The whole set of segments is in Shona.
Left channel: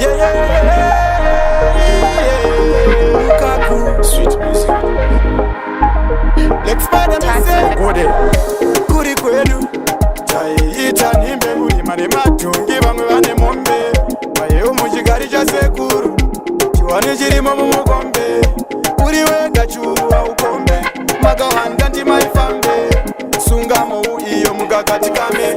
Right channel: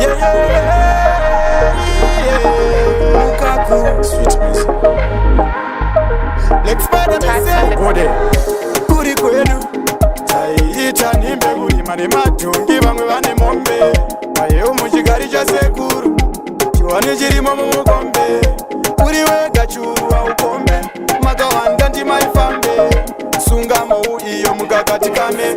Yeah, yeah, yeah. Lukaku. Sweet music. Let's find them. Go there. Kuri kwenu. Chaiita nimbe kulima nematungi vamwe vane mombe. Mayewo muchigari cha sekuru. Chiwane chirimo mumukombe. Uri wega churu aukombe. Makawanda ndimaifambe. Sungamo iyo mukakatikame.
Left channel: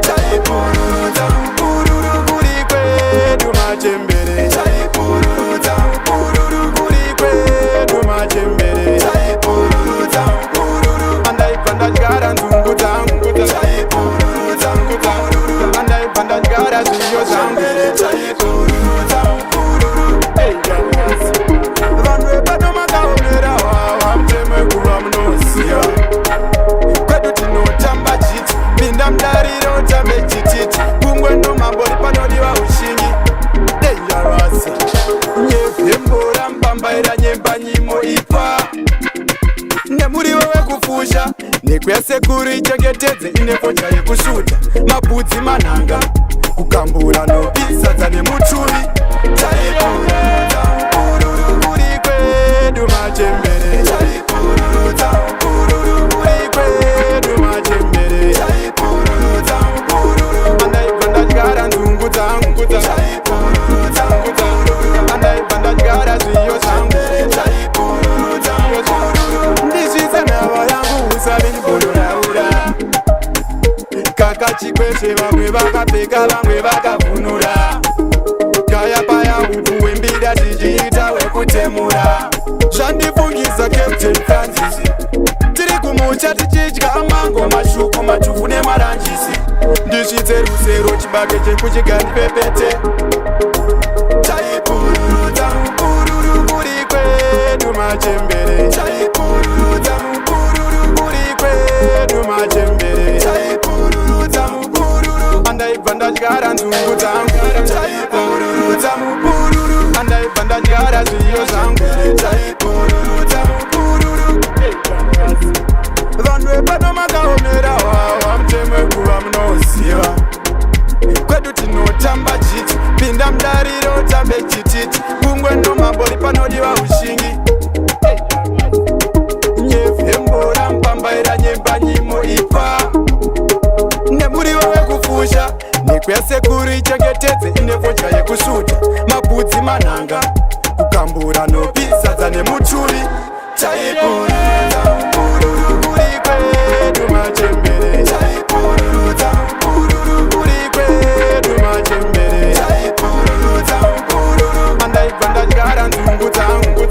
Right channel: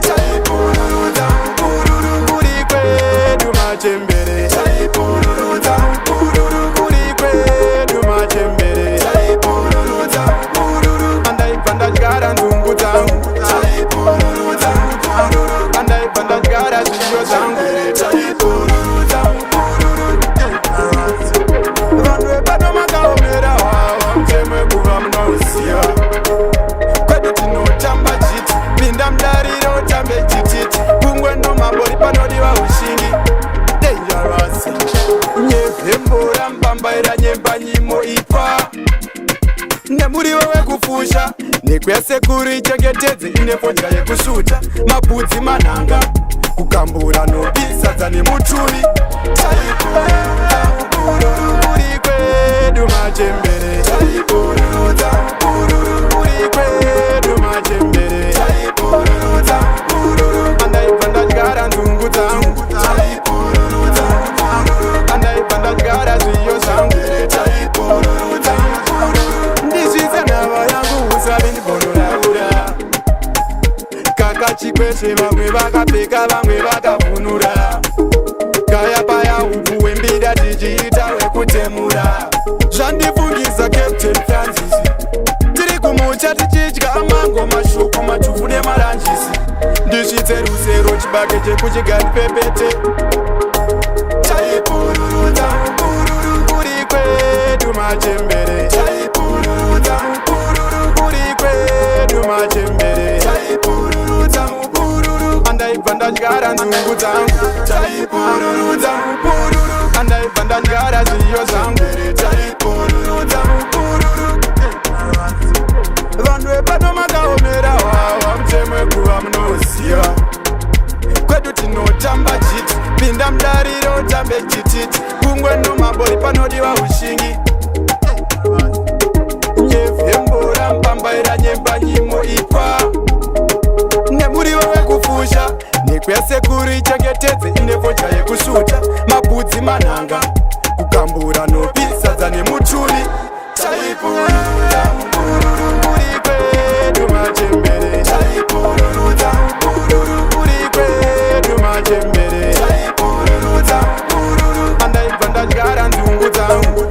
Chaipururudza mupururu kuri kwedu machembere. Chaipururudza mupururu kuri kwedu machembere. Chaipururudza mupururu. Andaibva ndadyara nzungu dzangu. Chaipururudza mupururu. Andaibva ndadyara zviyo zvangu. Chaipururudza mupururu. Vanhu vepano makaomera wawa mutemwe kuva munoziva. Kwedu tinotamba chiti. Pinda mudariro utambe chititi. Kungwe nomambori panodiwa ushingi. Dangerous. Nyevhembora mpambaira nyemba nyimo ipa. Nemuriwo wekufusha. Nekwesekuru ichengetedze inepocha yekusvuta. Mabudzi manhanga. Kugambura nopisadza nemutuvi. Chaipururudza mupururu kuri kwedu machembere. Chaipururudza mupururu kuri kwedu machembere. Chaipururudza mupururu. Andaibva ndadyara nzungu dzangu. Chaipururudza mupururu. Andaibva ndadyara zviyo zvangu. Chaipururudza mupururu. Ndizvise nhava yangu usavi ndibondoraura. Kakachikweshe vamwe vakapfeka vamwe vakavhunura. Kaya paya upu wembida tichiita wekutemura. Zvandifungisa Captain Francis. Tiri kumucha tichidya mango mashuku machufu nemaranjisi. Ndisvitse rusero chibage chekuchigandi pepete. Chaipururudza mupururu kuri kwedu machembere. Chaipururudza mupururu kuri kwedu machembere. Chaipururudza mupururu. Andaibva ndadyara nzungu dzangu. Chaipururudza mupururu. Andaibva ndadyara zviyo zvangu. Chaipururudza mupururu. Vanhu vepano makaomera wawa mutemwe kuva munoziva. Kwedu tinotamba chiti. Pinda mudariro utambe chititi. Kungwe nomambori panodiwa ushingi. Nyevhembora mpambaira nyemba nyimo ipa. Nemuriwo wekufusha. Nekwesekuru ichengetedze inepocha yekusvuta. Mabudzi manhanga. Kugambura nopisadza nemutuvi. Chaipururudza mupururu kuri kwedu machembere. Chaipururudza mupururu kuri kwedu machembere. Chaipururudza mupururu. Andaibva ndadyara nzungu dzangu.